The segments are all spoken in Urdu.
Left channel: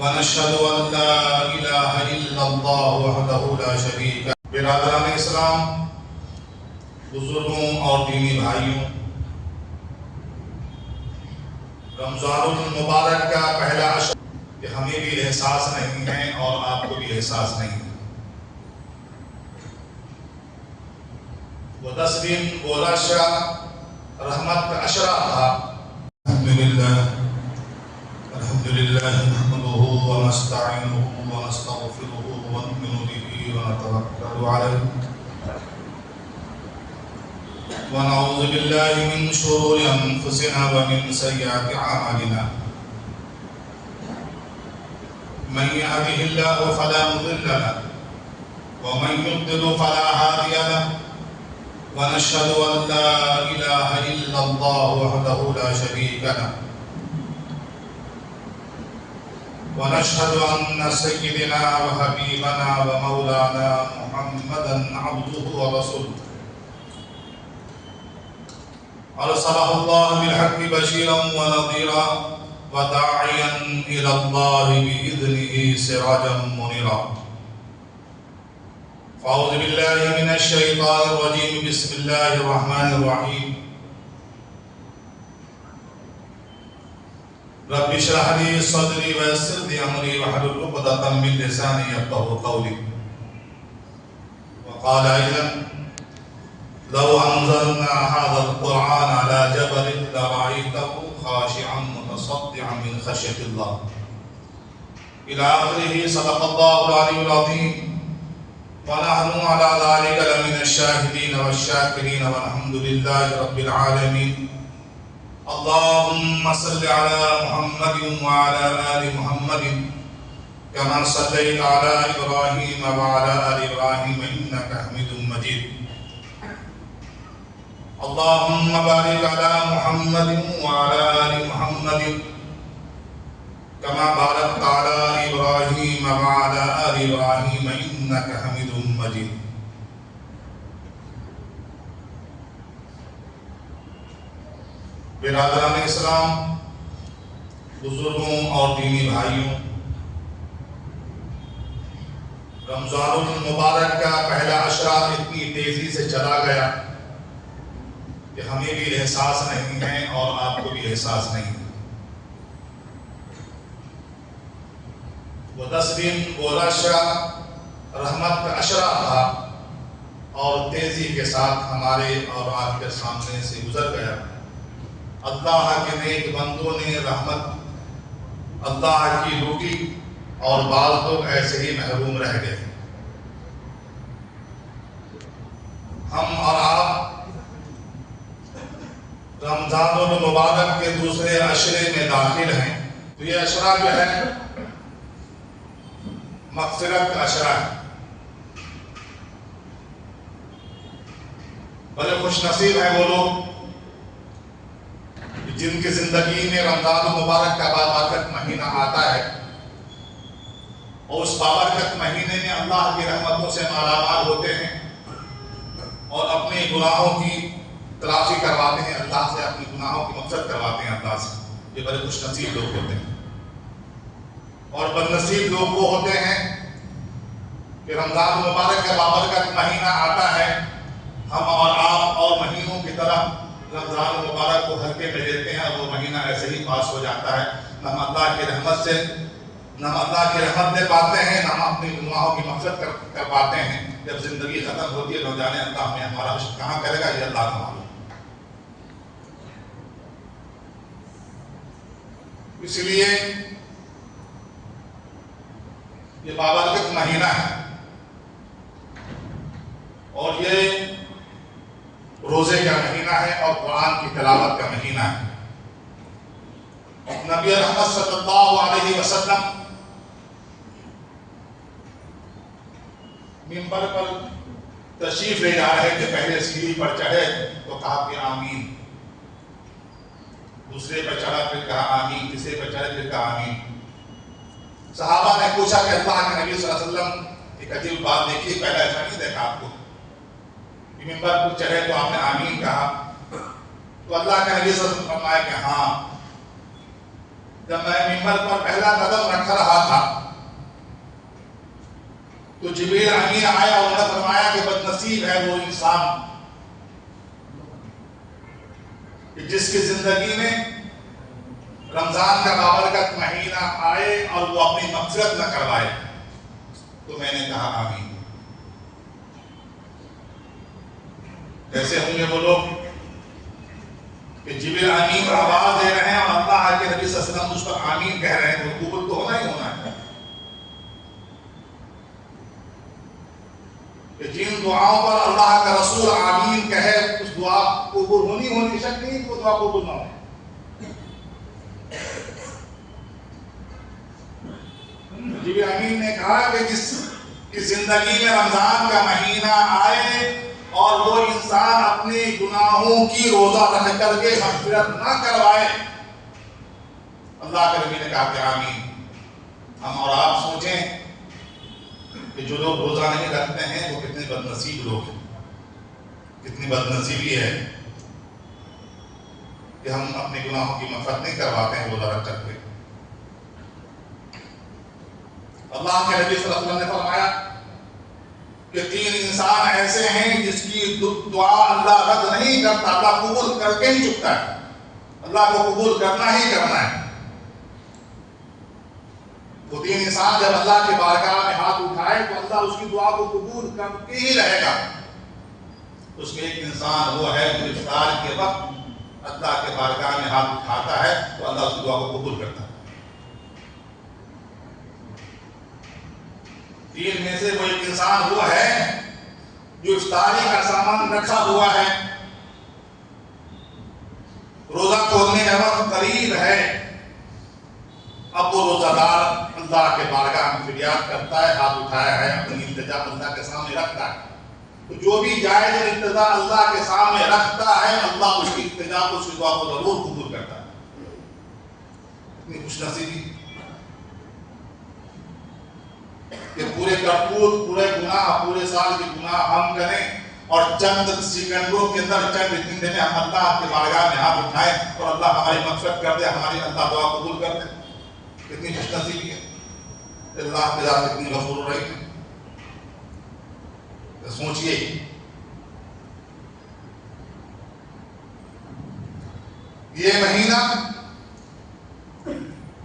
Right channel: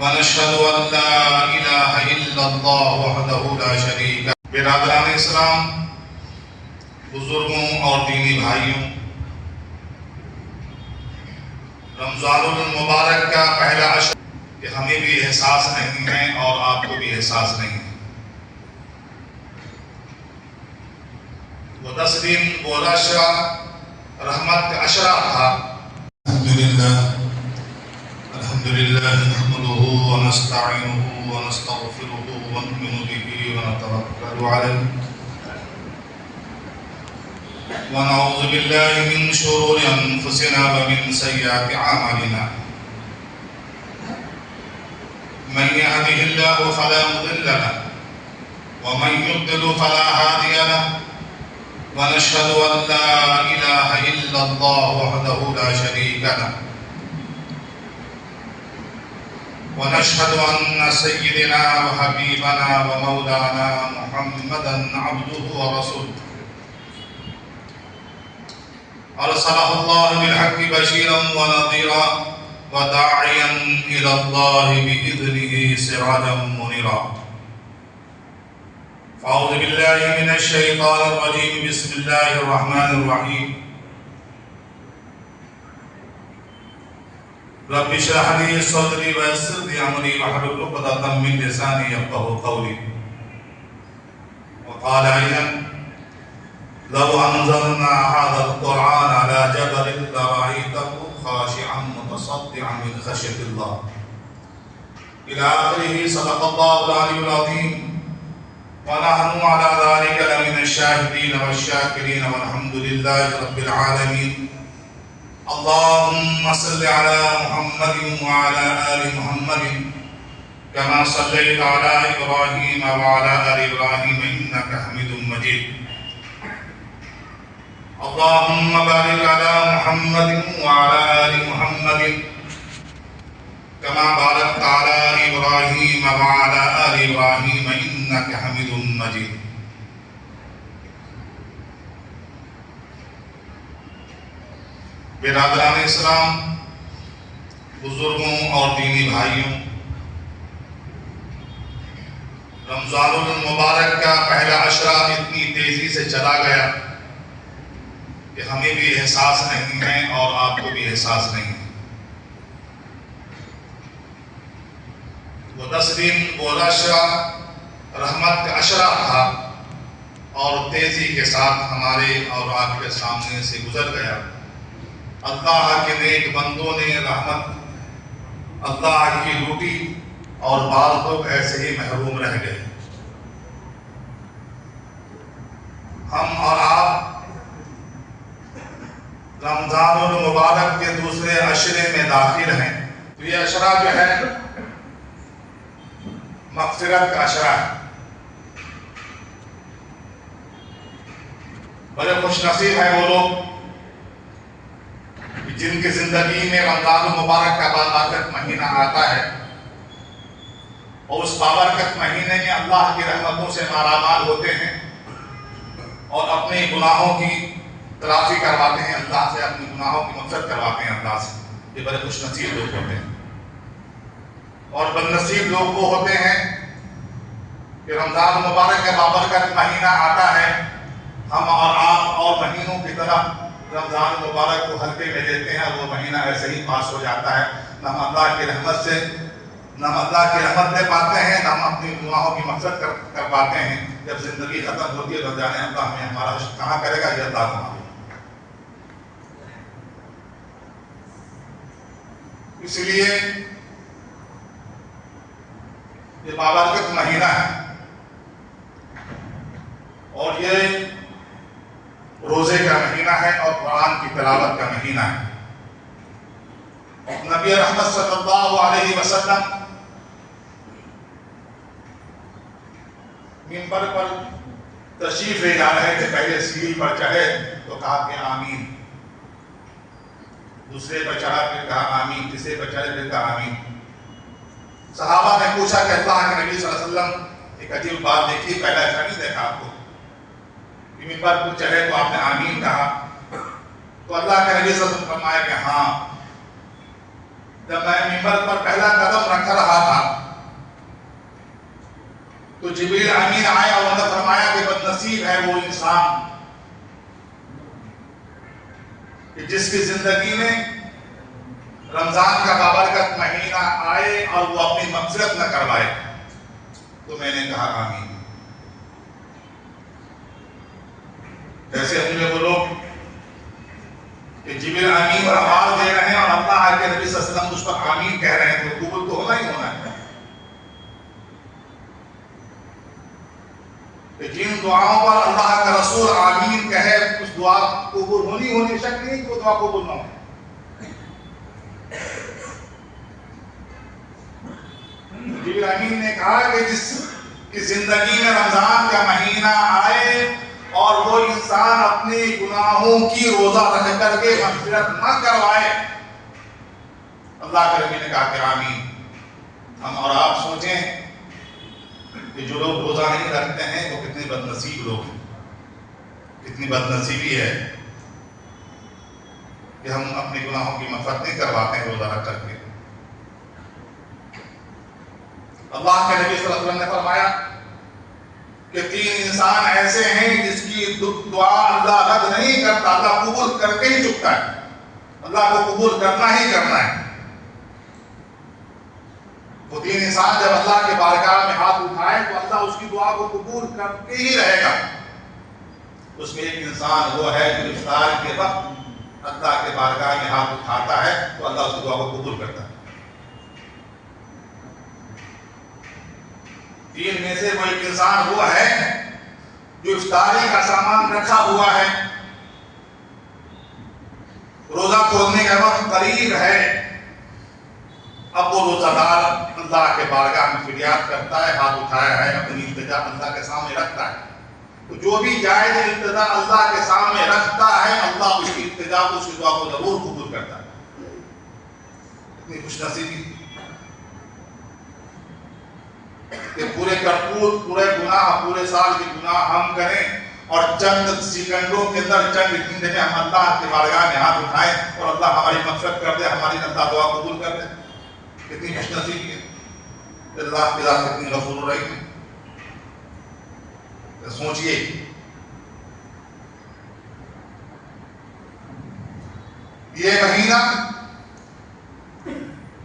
ونشهد أن لا إله إلا الله وحده لا شريك له. برادران اسلام، بزرگوں اور دینی بھائیوں، رمضان المبارک کا پہلا عشر کہ ہمیں بھی احساس نہیں ہے اور آپ کو بھی احساس نہیں ہے. وہ 10 دن وہ عشرہ رحمت کا عشرہ تھا. الحمدللہ نحمده ونستعینه ونستغفره ونؤمن به ونتوکل علیہ ونعوذ باللہ من شرور انفسنا ومن سیئات اعمالنا. من يهده الله فلا مضل له ومن يضلل فلا هادي له. ونشهد أن لا إله إلا الله وحده لا شريك له. ونشهد أن سيدنا وحبيبنا ومولانا محمدا عبده ورسوله أرسله الله بالحق بشيرا ونذيرا وداعيا إلى الله بإذنه سراجا منيرا. أعوذ بالله من الشيطان الرجيم. بسم الله الرحمن الرحيم. رب اشرح لي صدري ويسر لي أمري واحلل عقدة من لساني يفقهوا قولي. وقال أيضا لو أنزلنا هذا القرآن على جبل لرأيته خاشعا متصدعا من خشية الله إلى آخره. صدق الله العلي العظيم. ونحن على ذلك لمن الشاهدين والشاكرين والحمد لله رب العالمين. اللهم صل على محمد وعلى آل محمد كما صليت على إبراهيم وعلى آل إبراهيم إنك حميد مجيد. اللهم بارك على محمد وعلى آل محمد كما باركت على إبراهيم وعلى آل إبراهيم إنك حميد مجيد. برادران اسلام، بزرگوں اور دینی بھائیوں، رمضان المبارک کا پہلا عشرہ اتنی تیزی سے چلا گیا کہ ہمیں بھی احساس نہیں ہے اور آپ کو بھی احساس نہیں ہے. وہ 10 دن وہ عشرہ رحمت کا عشرہ تھا اور تیزی کے ساتھ ہمارے اور آپ کے سامنے سے گزر گیا. اللہ کے نیک بندوں نے رحمت، اللہ کی لوٹی اور بعض لوگ ایسے ہی محروم رہ گئے. ہم اور آپ رمضان المبارک کے دوسرے عشرے میں داخل ہیں. تو یہ عشرہ جو ہے مغفرت کا عشرہ ہے. بڑے خوش نصیب ہیں وہ لوگ جن کی زندگی میں رمضان المبارک کا بابرکت مہینہ آتا ہے اور اس بابرکت مہینے میں اللہ کی رحمتوں سے مالا مال ہوتے ہیں اور اپنے گناہوں کی تلافی کرواتے ہیں اللہ سے، اپنی گناہوں کی مغفرت کرواتے ہیں اللہ سے. یہ بڑے خوش نصیب لوگ ہوتے ہیں. اور بد نصیب لوگ وہ ہوتے ہیں کہ رمضان مبارک کا بابرکت مہینہ آتا ہے، ہم اور آپ اور مہینوں کی طرح رمضان مبارک کو ہلکے میں لیتے ہیں. وہ مہینہ ایسے ہی پاس ہو جاتا ہے. نہ ہم اللہ کی رحمت سے لے پاتے ہیں، نہ ہم اپنی گناہوں کی مغفرت کر پاتے ہیں. جب زندگی ختم ہوتی ہے تو جانے اللہ ہمیں ہمارا حشر کہاں کرے گا، یہ اللہ کو معلوم. اس لیے یہ بابرکت مہینہ ہے اور یہ روزے کا مہینہ ہے اور قرآن کی تلاوت کا مہینہ ہے. نبی رحمت صلی اللہ علیہ وسلم منبر پر تشریف لے جا رہے تھے. پہلے سیڑھی پر چڑھے تو کہا کہ آمین، دوسرے پر چڑھا پھر کہا آمین، تیسرے پر چڑھے پھر کہا آمین. صحابہ نے پوچھا کہ اللہ کے نبی صلی اللہ علیہ وسلم ایک عجیب بات دیکھی، پہلا ایسا نہیں دیکھا آپ کو. منبر پر چڑھے تو آپ نے آمین کہا. تو اللہ کے نبی صلی اللہ علیہ وسلم فرمایا کہ ہاں، جب میں منبر پر پہلا قدم رکھ رہا تھا تو جبریل امین آیا اور انہوں نے فرمایا کہ بد نصیب ہے وہ انسان کہ جس کی زندگی میں رمضان کا بابرکت مہینہ آئے اور وہ اپنی مغفرت نہ کروائے. تو میں نے کہا آمین. جیسے ہم نے وہ لوگ کہ جبریل امین آواز دے رہے ہیں اور اللہ کے نبی صلی اللہ علیہ وسلم اس پر آمین کہہ رہے ہیں، تو قبول تو ہونا ہی ہونا ہے. کہ جن دعاؤں پر اللہ کا رسول آمین کہے اس دعا قبول ہونی شک نہیں کہ وہ دعا قبول نہ ہو. جبریل امین نے کہا کہ جس کی زندگی میں رمضان کا مہینہ آئے اور وہ انسان اپنے گناہوں کی روزہ رکھ کر کے مغفرت نہ کروائے، اللہ کے نبی نے کہا کہ آمین. ہم اور آپ سوچیں کہ جو لوگ روزہ نہیں رکھتے ہیں وہ کتنے بد نصیب لوگ ہیں، کتنی بد نصیبی ہے کہ ہم اپنے گناہوں کی مغفرت نہیں کرواتے ہیں روزہ رکھ کر کے. اللہ کے نبی صلی اللہ علیہ وسلم نے فرمایا کہ 3 انسان ایسے ہیں جس کی دعا اللہ رد نہیں کرتا، اللہ قبول کر کے ہی چکتا ہے. اللہ کو قبول کرنا ہی کرنا ہے. وہ 3 انسان جب اللہ کے بارگاہ میں ہاتھ اٹھائے تو اللہ اس کی دعا کو قبول کر کے ہی رہے گا. اس میں ایک انسان وہ ہے جو افطار کے وقت اللہ کے بارگاہ میں ہاتھ اٹھاتا ہے تو اللہ اس کی دعا کو قبول کرتا ہے. 3 میں سے وہ ایک انسان وہ ہے جو افطاری کا سامان رکھا ہوا ہے، روزہ کھولنے کا وقت قریب ہے، اب وہ روزہ دار اللہ کے بارگاہ میں فریاد کرتا ہے، ہاتھ اٹھایا ہے، اپنی التجا اللہ کے سامنے رکھتا ہے. تو جو بھی جائز التجا اللہ کے سامنے رکھتا ہے اللہ اس کی التجا کو، اس کی دعا کو ضرور قبول کرتا ہے. اتنی خوش نصیبی کہ پورے کرتوت، پورے گناہ، پورے سال کے گناہ ہم کریں اور چند سیکنڈوں کے اندر، چند گھنٹے میں ہم اللہ کے بارگاہ میں ہاتھ اٹھائیں اور اللہ ہماری مغفرت کر دے، ہماری اللہ دعا قبول کر دے. کتنی خوش نصیبی ہے. اللہ کی ذات کتنی غفور رحیم ہے. سوچئے یہ مہینہ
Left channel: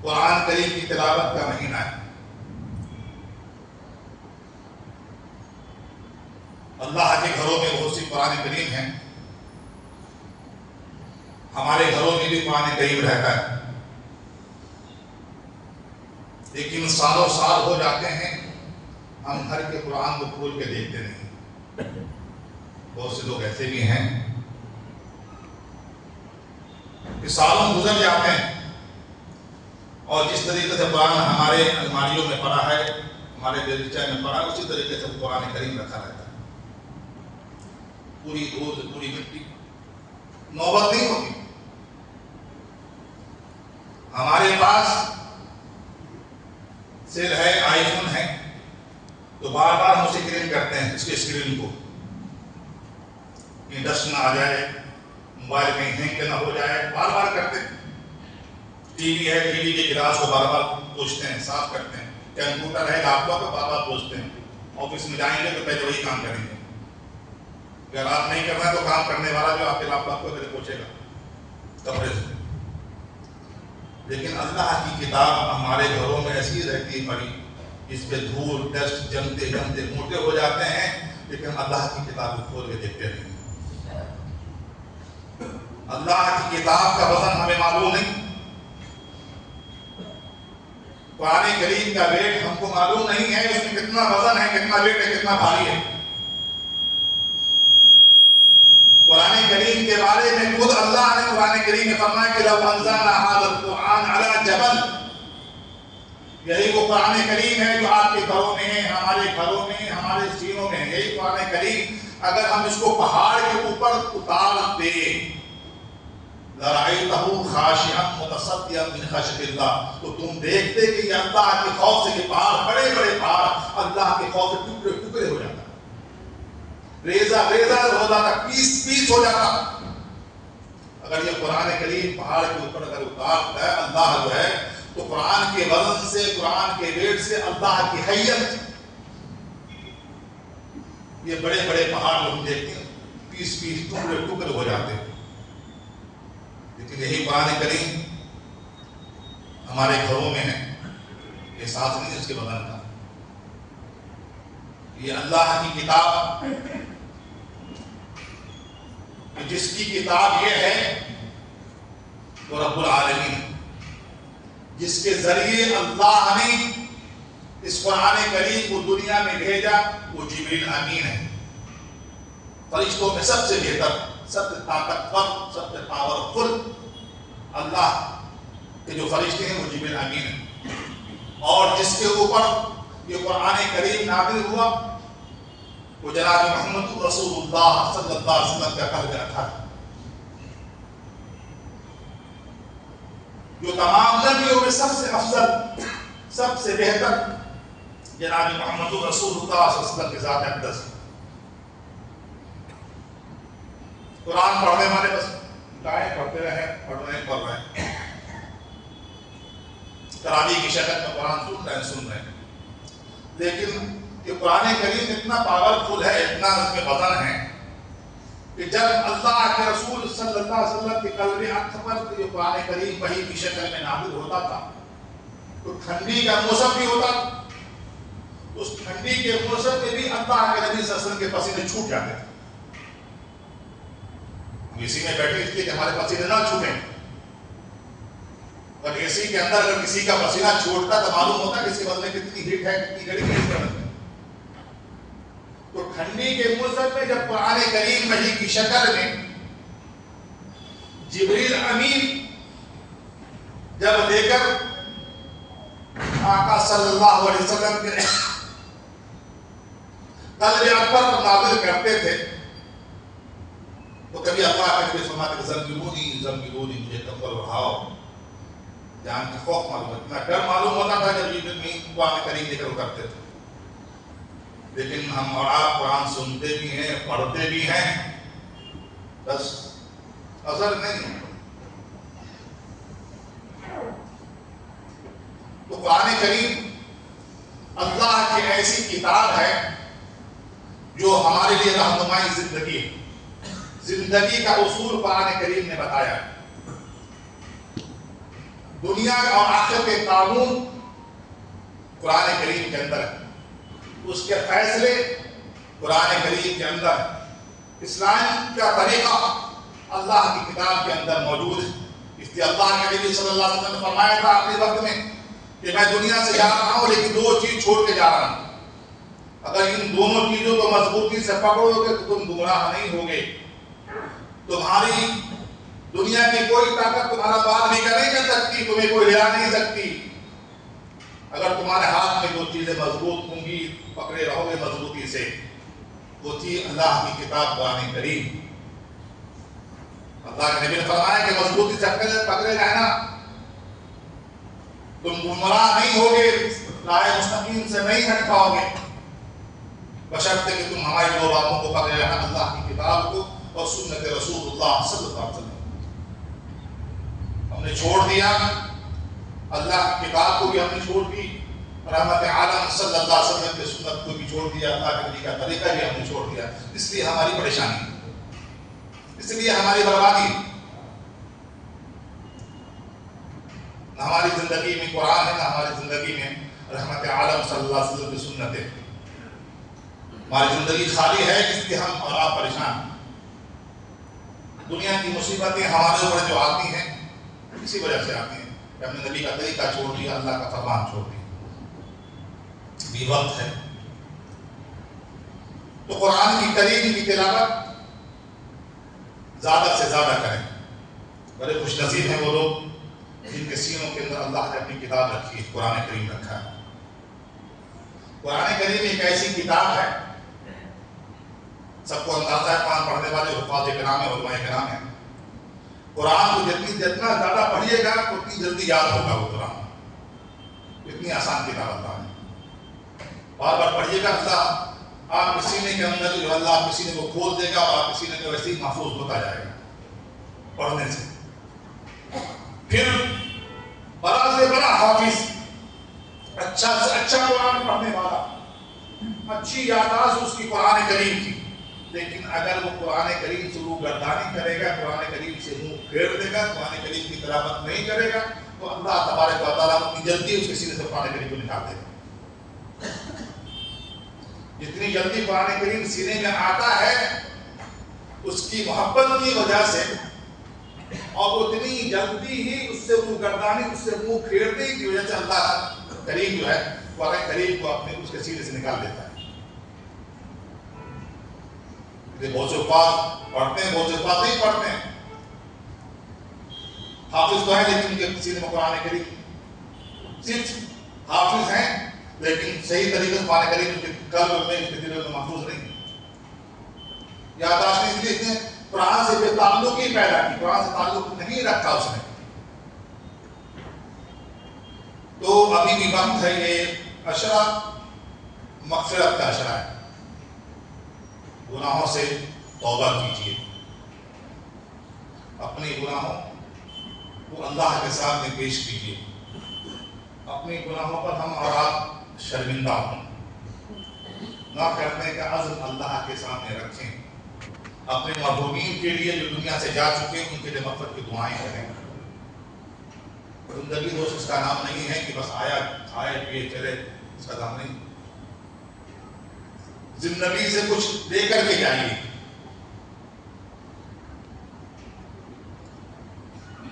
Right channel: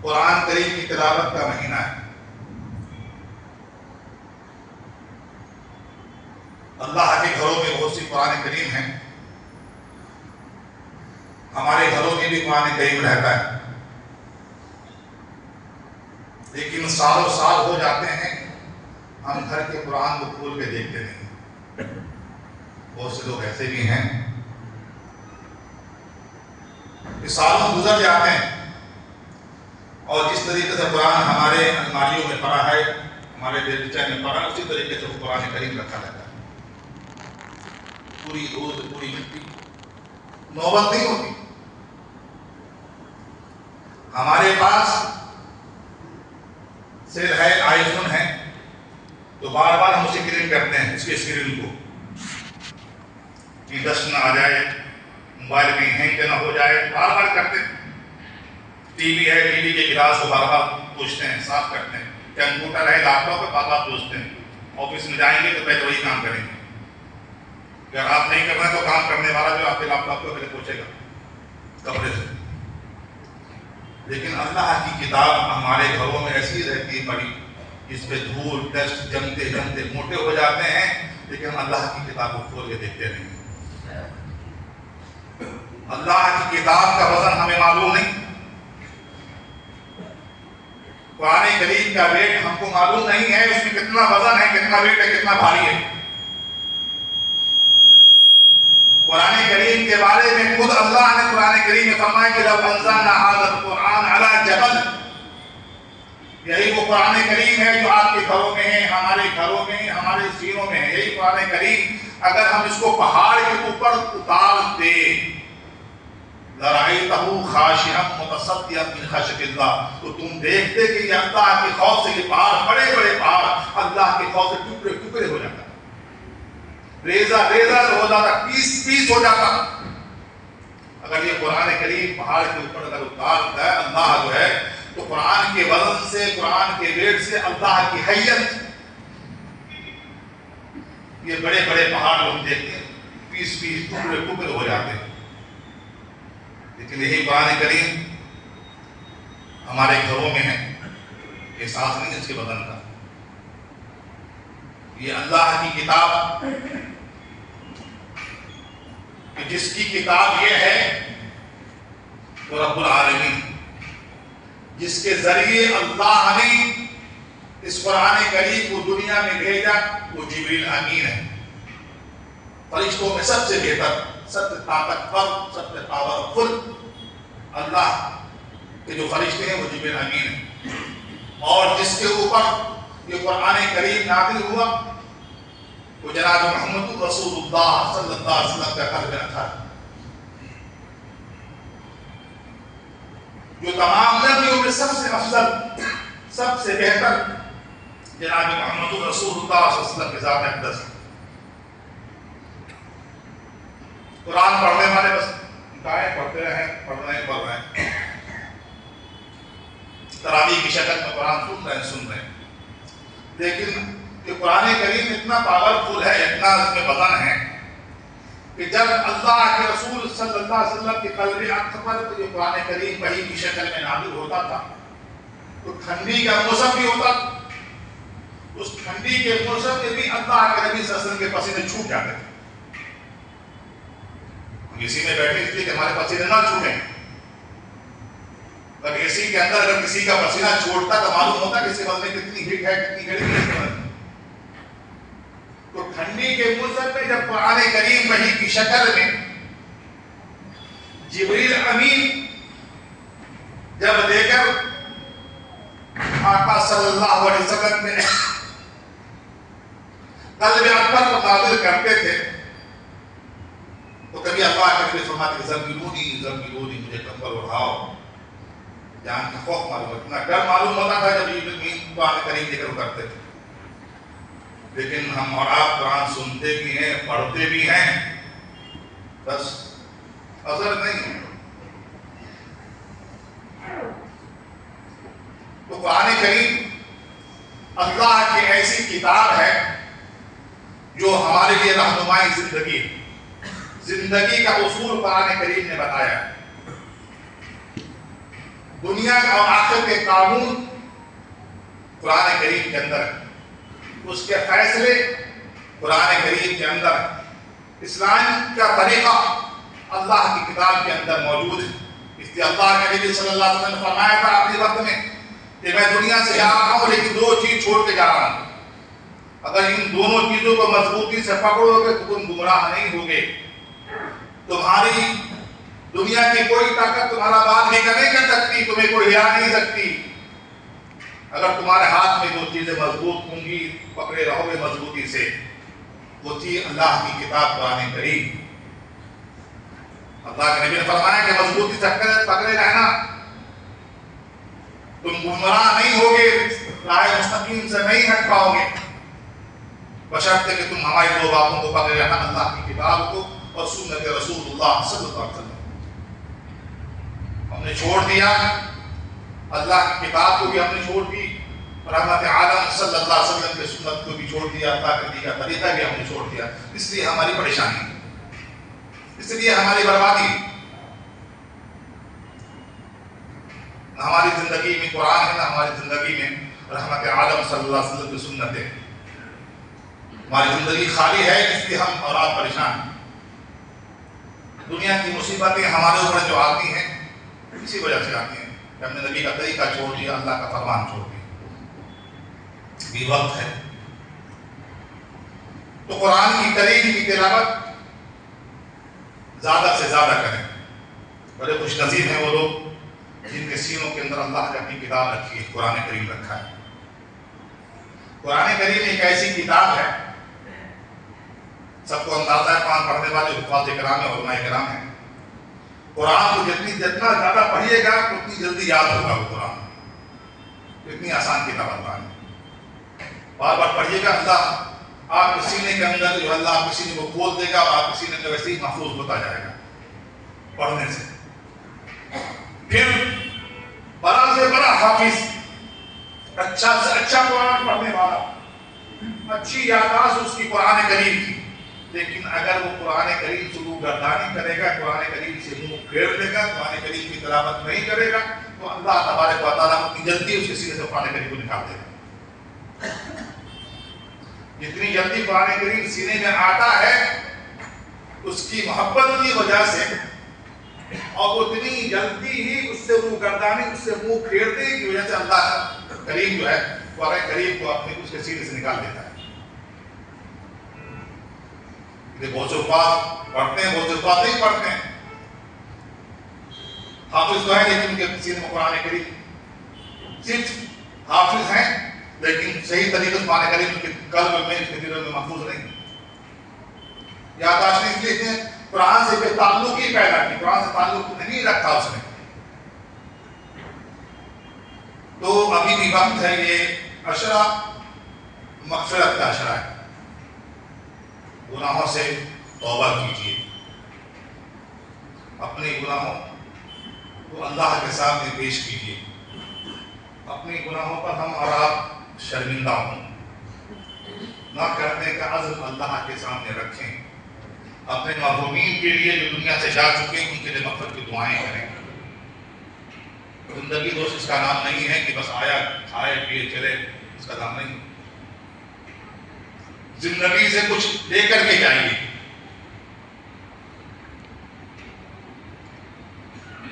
قرآن کریم کی تلاوت کا مہینہ ہے. اللہ کے گھروں میں بہت سی قرآن کریم ہیں. ہمارے گھروں میں بھی قرآن کریم رہتا ہے، لیکن سالوں سال ہو جاتے ہیں ہم گھر کے قرآن کو کھول کے دیکھتے نہیں. بہت سے لوگ ایسے بھی ہیں کہ سالوں گزر جاتے ہیں اور جس طریقے سے قرآن ہمارے الماریوں میں پڑا ہے، ہمارے دلچے میں پڑا ہے، اسی طریقے سے قرآن کریم رکھا رہتا ہے. پوری روز پوری مٹی نوبت نہیں ہوتی. ہمارے پاس صرف ہے آئی فون ہے تو بار بار ہم اسے کلین کرتے ہیں، اس کے اسکرین کو، کہ ڈسٹ نہ آ جائے، موبائل کہیں ہینگ نہ ہو جائے، بار بار کرتے ہیں. ٹی وی ہے، ٹی وی کے گلاس کو بار بار پوچھتے ہیں، صاف کرتے ہیں. کمپیوٹر ہے، لیپ ٹاپ ہے، بار بار پوچھتے ہیں. آفس میں جائیں گے تو پہلے وہی کام کریں گے. اگر آپ نہیں کرنا ہے تو کام کرنے والا جو آپ کے لیپ ٹاپ کو پہلے پوچھے گا کمرے سے. لیکن اللہ کی کتاب ہمارے گھروں میں ایسی رہتی ہے پڑی، اس پہ دھول ڈسٹ جمتے جمتے موٹے ہو جاتے ہیں، لیکن اللہ کی کتاب کو کھول کے دیکھتے نہیں. اللہ کی کتاب کا وزن ہمیں معلوم نہیں. قرآن کریم کا ویٹ ہم کو معلوم نہیں ہے، اس میں کتنا وزن ہے، کتنا ویٹ ہے، کتنا بھاری ہے. قرآن کریم کے بارے میں خود اللہ نے قرآن کریم میں فرمایا کہ لو انزلنا ھذا القرآن علی جبل، یہی وہ قرآن کریم ہے جو آپ کے گھروں میں ہے، ہمارے گھروں میں، ہمارے سینوں میں ہے. یہی قرآن کریم اگر ہم اس کو پہاڑ کے اوپر اتار دے لَرَأَيْتَهُ خَاشِعًا مُتَصَدِّعًا مِنْ خَشْيَةِ اللَّهِ، تو تم دیکھتے کہ یہ اللہ کے خوف سے، یہ پہاڑ بڑے بڑے پہاڑ اللہ کے خوف سے ٹکڑے ٹکڑے ہو جاتا، ریزہ ریزہ ہو جاتا، پیس پیس ہو جاتا. اگر یہ قرآن کریم پہاڑ کے اوپر اگر اتارتا ہے اللہ جو ہے، تو قرآن کے وزن سے، قرآن کے ویٹ سے اللہ کی حیت یہ بڑے بڑے پہاڑ جو ہم دیکھتے ہیں 20 ٹکڑے ٹکڑے ہو جاتے ہیں، لیکن یہی قرآن کریم ہمارے گھروں میں ہے، احساس نہیں اس کے بدن کا. یہ اللہ کی کتاب کہ جس کی کتاب یہ ہے وہ رب العالمین، جس کے ذریعے اللہ نے اس قرآن کریم کو دنیا میں بھیجا، وہ جبریل امین ہے. فرشتوں میں سب سے بہتر، سب سے طاقتور، سب سے پاورفل اللہ کے جو فرشتے ہیں وہ جبریل امین ہے. اور جس کے اوپر یہ قرآن کریم نازل ہوا وہ جناب محمد رسول اللہ صلی اللہ علیہ وسلم کا قلب اطہر، جو تمام نبیوں میں سب سے افضل، سب سے بہتر جناب محمد رسول اللہ صلی اللہ علیہ وسلم کے ذات اقدس. قرآن پڑھنے والے بس آئے پڑھتے رہے، پڑھ رہے ہیں، تراویح کی شکل میں قرآن سن رہے ہیں. لیکن کہ قرآن کریم اتنا پاورفل ہے، اتنا اس میں وزن ہے کہ جب اللہ کے رسول صلی اللہ علیہ وسلم کے قلب اطہر پر یہ قرآن کریم وحی کی شکل میں نازل ہوتا تھا تو ٹھنڈی کا موسم بھی ہوتا، اس ٹھنڈی کے موسم میں بھی اللہ کے نبی صلی اللہ علیہ وسلم کے پسینے چھوٹ جاتے تھے. ہم اسی میں بیٹھے اس لیے کہ ہمارے پسینے نہ چھوٹیں. اگر اسی کے اندر اگر کسی کا پسینہ چھوٹتا تو معلوم ہوتا کہ اس کے بدن میں کتنی ہیٹ ہے، کتنی گرمی ہے اس کے بدن میں. تو ٹھنڈی کے موسم میں جب قرآن کریم وحی کی شکل میں جبریل امین جب دے کر آقا صلی اللہ علیہ وسلم کے قلب اطہر پر نازل کرتے تھے تو کبھی اللہ کے نبی فرماتے کہ زمبلونی مجھے کمبل اڑاؤ. جان کا خوف معلوم، اتنا ڈر معلوم ہوتا تھا جب یہ قرآن کریم لے کر کرتے تھے. لیکن ہم اور آپ قرآن سنتے بھی ہیں، پڑھتے بھی ہیں، بس اثر نہیں ہے. تو قرآن کریم اللہ کی ایسی کتاب ہے جو ہمارے لیے رہنمائی زندگی کا اصول قرآن کریم نے بتایا. دنیا اور آخرت کے قانون قرآن کریم کے اندر، اس کے فیصلے قرآن کریم کے اندر، اسلام کا طریقہ اللہ کی کتاب کے اندر موجود ہے. اس لیے اللہ کے نبی صلی اللہ علیہ وسلم نے فرمایا تھا آخری وقت میں کہ میں دنیا سے جا رہا ہوں لیکن 2 چیز چھوڑ کے جا رہا ہوں. اگر ان دونوں چیزوں کو مضبوطی سے پکڑو گے تو تم گمراہ نہیں ہوگے. تمہاری دنیا کی کوئی طاقت تمہارا بات نہیں کر سکتی، تمہیں کوئی ہلا نہیں سکتی. اگر تمہارے ہاتھ میں 2 چیزیں مضبوط ہوں گی، پکڑے رہو گے مضبوطی سے، وہ چیز اللہ کی کتاب قرآن کریم. اللہ کے نبی نے فرمایا کہ مضبوطی سے پکڑے رہنا، تم گمراہ نہیں ہوگے، راہ مستقیم سے نہیں ہٹ پاؤ گے، بشرطے کہ تم ہماری 2 باتوں کو پکڑے رہنا، اللہ کی کتاب کو اور سنت رسول اللہ صلی اللہ علیہ وسلم. ہم نے چھوڑ دیا، اللہ کی کتاب کو بھی ہم نے چھوڑ دی، رحمت عالم صلی اللہ علیہ وسلم کے سنت کو بھی چھوڑ دیا، اللہ کے نبی کا طریقہ بھی ہم نے چھوڑ دیا. اس لیے ہماری پریشانی، اس لیے ہماری بربادی. نہ ہماری زندگی میں قرآن ہے، نہ ہماری زندگی میں رحمت عالم صلی اللہ علیہ وسلم کی سنت ہے. ہماری زندگی خالی ہے، اس لیے ہم اور آپ پریشان ہیں. دنیا کی مصیبتیں ہمارے اوپر جو آتی ہیں اسی وجہ سے آتی ہیں کہ ہم نے نبی کا طریقہ چھوڑ دیا، اللہ کا فرمان چھوڑ دیا. بھی وقت ہے تو قرآن کی کریم کی تلاوت زیادہ سے زیادہ کریں. بڑے خوش نصیب ہیں وہ لوگ جن کے سینوں کے اندر اللہ نے اپنی کتاب رکھی ہے، قرآن کریم رکھا ہے. قرآن کریم ایک ایسی کتاب ہے، سب کو اندازہ ہے، قرآن پڑھنے والے حفاظ کرام ہیں، علماء کرام ہیں. قرآن کو جتنا زیادہ پڑھیے گا اتنی جلدی یاد ہوگا وہ قرآن. اتنی آسان کتاب اللہ نے. بار بار پڑھیے گا، اللہ آپ کے سینے کے اندر جو اللہ آپ کے سینے کو کھول دے گا اور آپ کے سینے کا ویسے ہی محفوظ ہوتا جائے گا پڑھنے سے. پھر بڑا سے بڑا حافظ، اچھا سے اچھا قرآن پڑھنے والا، اچھی یادداشت اس کی قرآن کریم کی، لیکن اگر وہ قرآن کریم سے روگردانی کرے گا، قرآن کریم سے منہ پھیر لے گا، قرآن کریم کی تلاوت نہیں کرے گا، تو اللہ تبارک و تعالیٰ اتنی جلدی اس کے سینے سے قرآن کریم کو نکال دے گا۔ جتنی جلدی قرآن کریم سینے میں آتا ہے اس کی محبت کی وجہ سے، اور اتنی جلدی ہی اس سے روگردانی، اس سے منہ پھیرنے کی وجہ سے اللہ کریم جو ہے قرآن کریم کو اپنے اس کے سینے سے نکال دیتا ہے۔ بہت سے پاک پڑھتے ہیں، بہت سے پاک نہیں پڑھتے ہیں، حافظ تو ہیں لیکن ان کے سینے میں قرآن کریم، صرف حافظ ہیں لیکن صحیح طریقے سے قرآن کریم ان کے قلب میں، ان کے دلوں میں محفوظ نہیں۔ یادداشت اس لیے اتنے قرآن سے بے تعلقی پیدا کی، قرآن سے تعلق نہیں رکھا اس نے۔ تو ابھی بھی وقت ہے، یہ عشرہ مغفرت کا عشرہ ہے، گناہوں سے توبہ کیجیے، اپنے گناہوں کو اللہ کے سامنے پیش کیجیے، اپنے گناہوں پر ہم اور آپ شرمندہ ہوں، نہ کرنے کا عزم اللہ کے سامنے رکھیں، اپنے محرومین کے لیے جو دنیا سے جا چکے ہیں ان کے لیے مغفرت کی دعائیں کریں۔ زندگی دوست اس کا نام نہیں ہے کہ بس آیا کھائے پیے چلے، اس کا نام نہیں۔ زندگی سے کچھ لے کر کے جائیے،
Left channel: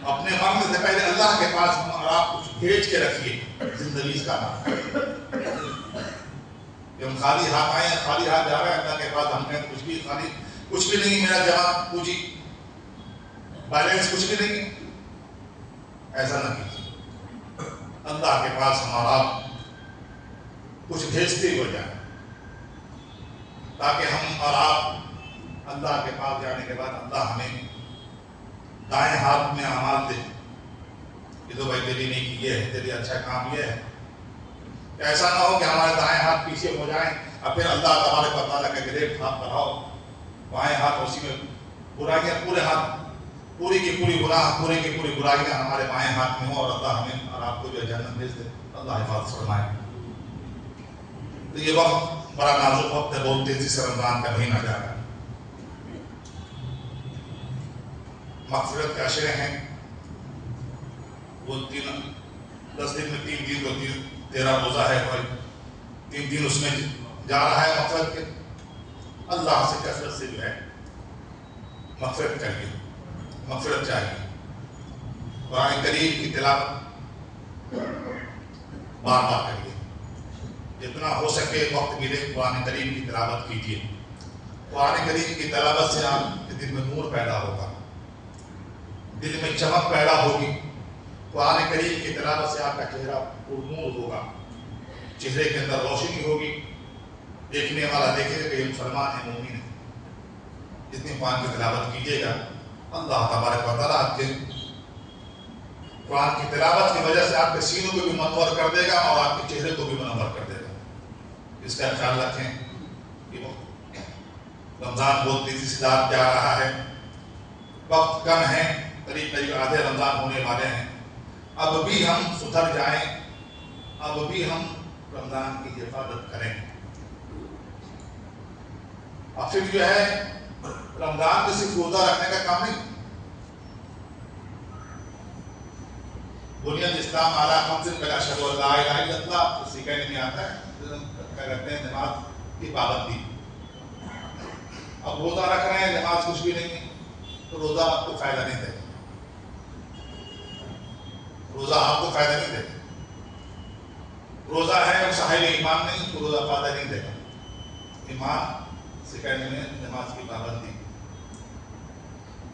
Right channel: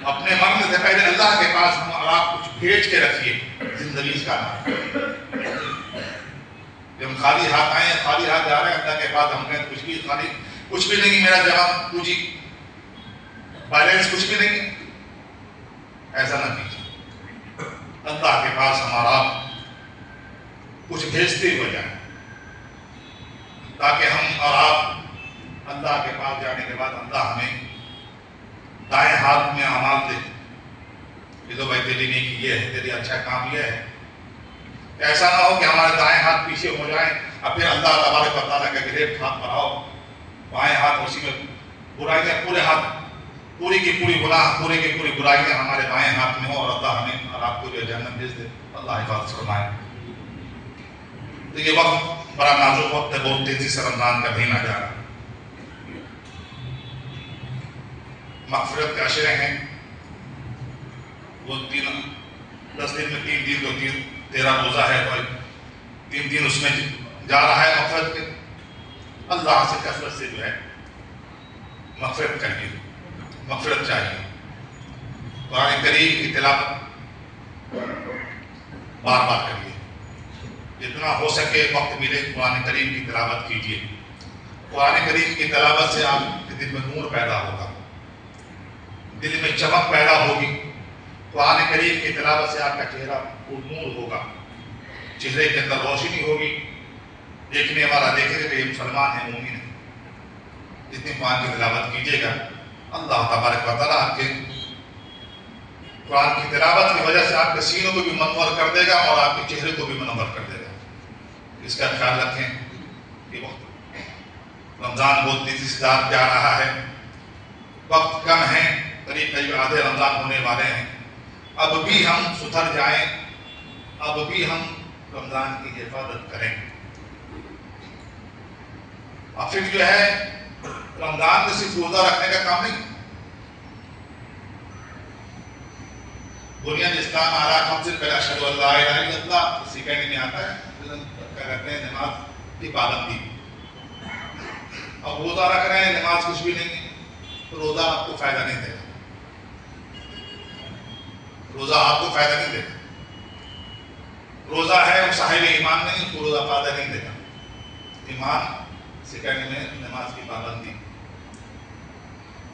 اپنے مرنے سے پہلے اللہ کے پاس ہم اور آپ کچھ بھیج کے رکھیے، زندگی اس کا نام۔ جب ہم خالی ہاتھ آئے ہیں، خالی ہاتھ جا رہے ہیں اللہ کے پاس، ہم کہیں کچھ بھی خالی، کچھ بھی نہیں، میرا جواب پوچھی بیلنس کچھ بھی نہیں، ایسا نہ کیجیے۔ اللہ کے پاس ہم اور آپ کچھ بھیجتے ہوئے جائیں، تاکہ ہم اور آپ اللہ کے پاس جانے کے بعد اللہ ہمیں دائیں ہاتھ میں اعمال دے کہ تو بھائی تیری نیکی یہ ہے، تیری اچھا کام یہ ہے۔ ایسا نہ ہو کہ ہمارے دائیں ہاتھ پیچھے ہو جائیں اور پھر اللہ تبارک و تعالیٰ کا گریب ہاتھ بڑھاؤ، بائیں ہاتھ اسی میں برائیاں، پورے ہاتھ، پوری کی پوری گناہ، پوری کی پوری برائیاں ہمارے بائیں ہاتھ میں ہوں، اور اللہ ہمیں اور آپ کو جو جہنم بھیج دے، اللہ حفاظت فرمائے۔ تو یہ وقت بڑا نازک وقت ہے، بہت تیزی سے رمضان کا مہینہ جا رہا ہے، مغفرت کے عشرے ہیں، وہ 10 دن میں 3 دن تو 13 روزہ ہے، تو 3 دن اس میں جا رہا ہے مغفرت کے۔ اللہ سے کثرت سے جو ہے مغفرت کریے، مغفرت چاہیے، قرآن کریم کی تلاوت بار بار کریے، جتنا ہو سکے وقت ملے قرآن کریم کی تلاوت کیجیے۔ قرآن کریم کی تلاوت سے آپ کے دل میں نور پیدا ہوگا، دل میں چمک پیدا ہوگی، قرآن کریم کی تلاوت سے آپ کا چہرہ پرنور ہوگا، چہرے کے اندر روشنی ہوگی، دیکھنے والا دیکھے گا کہ یہ مسلمان ہے، مومن ہے۔ جتنی قرآن کی تلاوت کیجیے گا، اللہ تبارک و تعالیٰ آپ کے قرآن کی تلاوت کی وجہ سے آپ کے سینوں کو بھی منور کر دے گا اور آپ کے چہرے کو بھی منور کر دے گا۔ اس کا خیال رکھیں کہ وقت رمضان بہت تیزی سے جا رہا ہے، وقت کم ہے، قریب آدھے رمضان ہونے والے ہیں، اب بھی ہم سدھر جائیں، اب بھی ہم رمضان کی حفاظت کریں۔ اور پھر جو ہے رمضان میں صرف روزہ رکھنے کا کام نہیں، بنیاد اسلام علی خمس پہلے اشہد ان لا الہ الا اللہ سکھانے میں آتا ہے، کہتے ہیں نماز کی پابندی۔ اب روزہ رکھ رہے ہیں، نماز کچھ بھی نہیں ہے، تو روزہ آپ کو فائدہ نہیں دے گا، روزہ آپ کو فائدہ نہیں دے گا۔ روزہ ہے وہ صاحب ایمان نہیں، اس کو روزہ فائدہ نہیں دے گا۔ ایمان سکھانے میں نماز کی پابندی،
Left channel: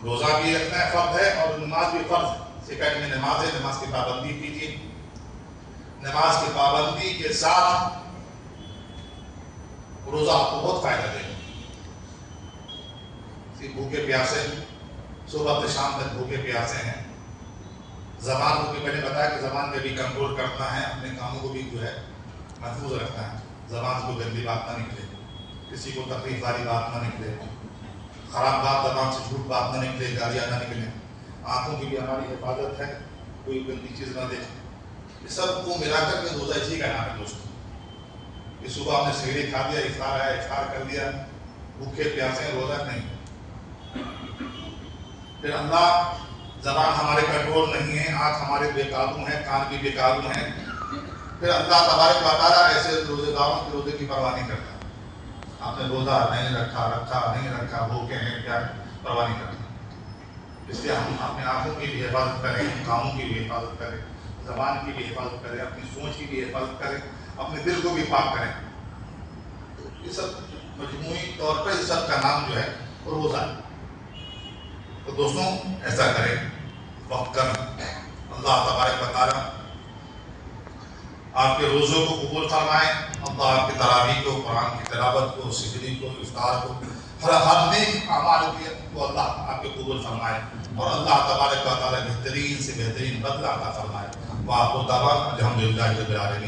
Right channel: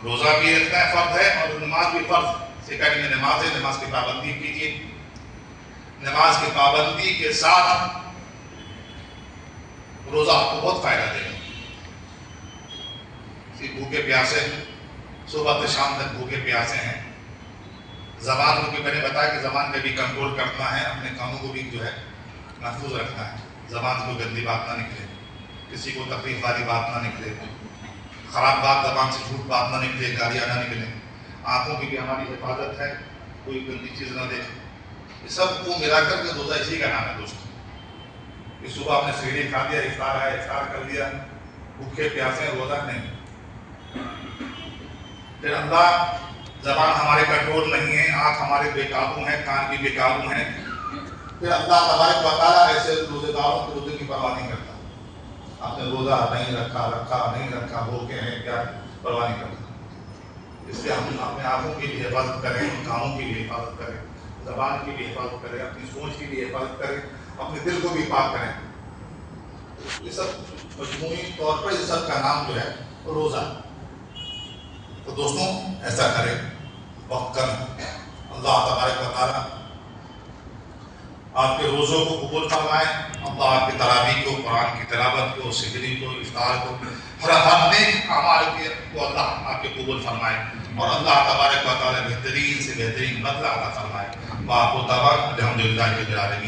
روزہ بھی رکھنا ہے فرض ہے، اور نماز بھی فرض، سکھانے میں نماز ہے، نماز کی پابندی کیجیے۔ نماز کی پابندی کے ساتھ روزہ آپ کو بہت فائدہ دے گا۔ بھوکے پیاسے صبح سے شام تک بھوکے پیاسے ہیں، زبان کو بھی میں نے بتایا کہ زبان پہ بھی کنٹرول کرنا ہے، اپنے کاموں کو بھی جو ہے محفوظ رکھنا ہے، زبان سے کوئی گندی بات نہ نکلے، کسی کو تکلیف والی بات نہ نکلے، خراب بات زبان سے، جھوٹ بات نہ نکلے، گالیاں نہ نکلیں، آنکھوں کی بھی ہماری حفاظت ہے، کوئی گندی چیز نہ دیکھے۔ یہ سب کو ملا کر کے روزہ اسی کا نام ہے دوستوں، کہ صبح آپ نے سحری کھا لیا، افطار ہے افطار کر لیا، بھوکے پیاسے روزہ نہیں. پھر اللہ زبان ہمارے کنٹرول نہیں ہے، آنکھ ہمارے بے قابو ہیں، کان بھی بے قابو ہیں. پھر اللہ تبارک و تعالیٰ ایسے روزے داروں کے روزے کی پرواہ نہیں کرتا. آپ نے روزہ نہیں رکھا نہیں رکھا، بھوکے ہیں کیا، پرواہ نہیں کرتا. اس لیے ہم اپنے آنکھوں کی بھی حفاظت کریں، کانوں کی بھی حفاظت کریں، زبان کی بھی حفاظت کریں، اپنی سوچ کی بھی حفاظت کریں، اپنے دل کو بھی پاک کریں. یہ سب مجموعی طور پر اس سب کا نام جو ہے وہ روزہ ہے. تو دوستوں ایسا کریں، وقت کریں. اللہ تبارک و تعالیٰ آپ کے روزوں کو قبول فرمائے. اللہ آپ کی تراویح کو، قرآن کی تلاوت کو، سحری کو، افطار کو، ہر نیک اعمال کو اللہ آپ کے قبول فرمائے. اور اللہ تبارک و تعالیٰ بہترین سے بہترین بدلہ عطا فرمائے. وآخر دعوانا الحمدللہ رب العالمین.